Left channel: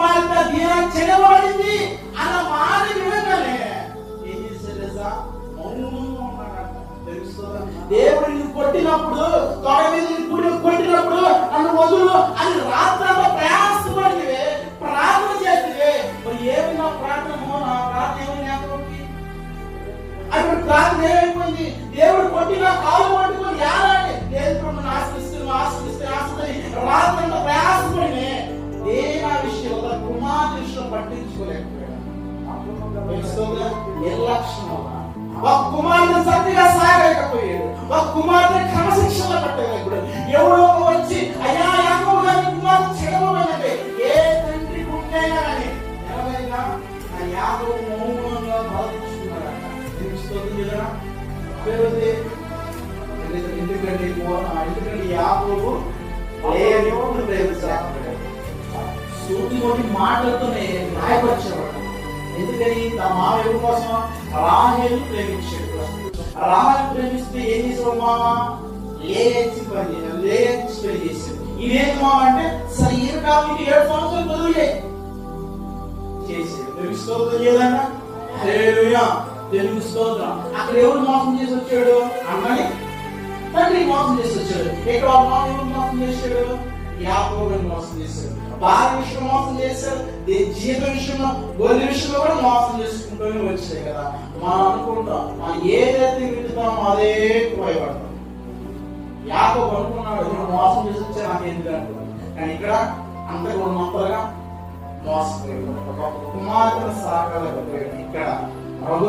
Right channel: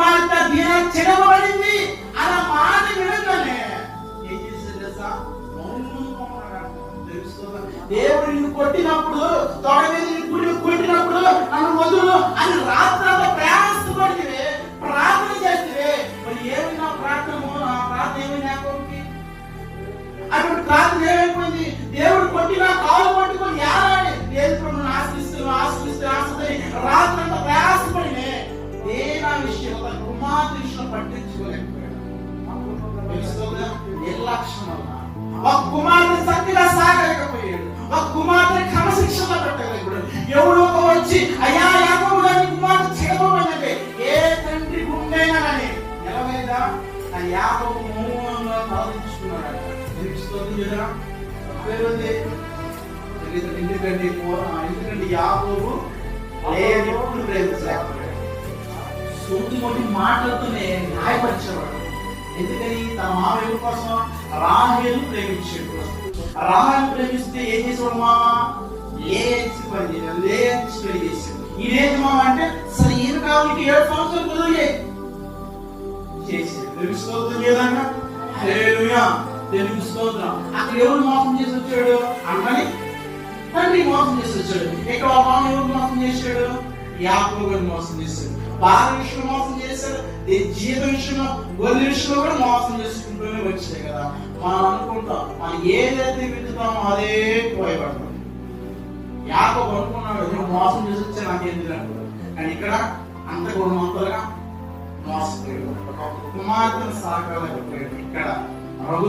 కుమార్తె దీనా చెరబడింది అన్న మాట వినగానే ఏం చేశారు? మౌనంగా ఉన్నాడు. దేవుడిని కొట్టినప్పుడు తోడ మీద కొట్టినప్పుడు నన్ను వదులు అని రాత్రంతా ప్రయాసపడితే ప్రార్థన చేస్తే మరి ఏమైనా ప్రార్థన ఏమైనా అటువంటి ప్రార్థన ఏమైపోయింది? దేవుడు కొట్టిన కాలు పట్టుకొని ఏడాలి దేవుడు ఆశ్రయిస్తే రాత్రంతా ప్రయాసపడి దేనా విషయం ఒక కుమార్తె విషయం పట్టించుకోలేకపోయాడు. నిర్లక్ష్యం ఒక కుమార్తె సత్తిగా సాగలేకపోయాడు. ఒక కుమార్తె క్రమశిక్షణ పెట్టలేకపోయాడు. ఎవడో వచ్చి అయ్యా యాకోబు గారి కుమార్తె చెడబోయినట్టే ఏ తండ్రి గుండైనా కానీ నిలవేదా ఆ యాకోబు మౌనంగా ప్రార్థించుకున్నాడు. ఎందుకంటే యాకోబు ఎప్పుడు ప్రేమించలేకపోయాడు. సూటి మాటలతోనే గాయపరిచేవాడు. ఎందుకని తన మామయ్య కోసం రాహేలు ప్రేమించాడు. రాహేలు ప్రేమిస్తే ఏం చేసేవాడు? మామ లేచి పని చేశాడు. ఈయనేంటి మామ అంటే సరే ఈయన కాబట్టి 7 సంవత్సరాలు మొదలు చేశాడు. తెలుసుకోవద్దు లేదన్నా తెలుగు స్తోత్రం. అక్కడ ఎవరు మోసం చేసి వచ్చాడు? అన్నని తండ్రి మోసం చేసి వచ్చాడు. ఇక్కడ మామ ఎవరు మోసం చేశాడు? యాకోబు మోసం చేశాడు. భార్య విషయంలో మోసం చేశాడు. జీవిత విషయంలో గొర్రెల విషయంలో కూడా మోసం చేసుకుంటూనే వచ్చాయి కదా. మనం అనుకుంటాం మనం ఏదైతే వింటున్నామో అదే పోయబడతాం. యాకోబు అనుకున్నాడు నేను మోసం చేసి వచ్చా నాకేంటి అనుకున్నాడు. కానీ ఇక్కడ అంత గుణమంతగా మోసపోయాడు. ఒక కుమార్తెను సాకలేకపోయాడు. ఇక్కడ రఘు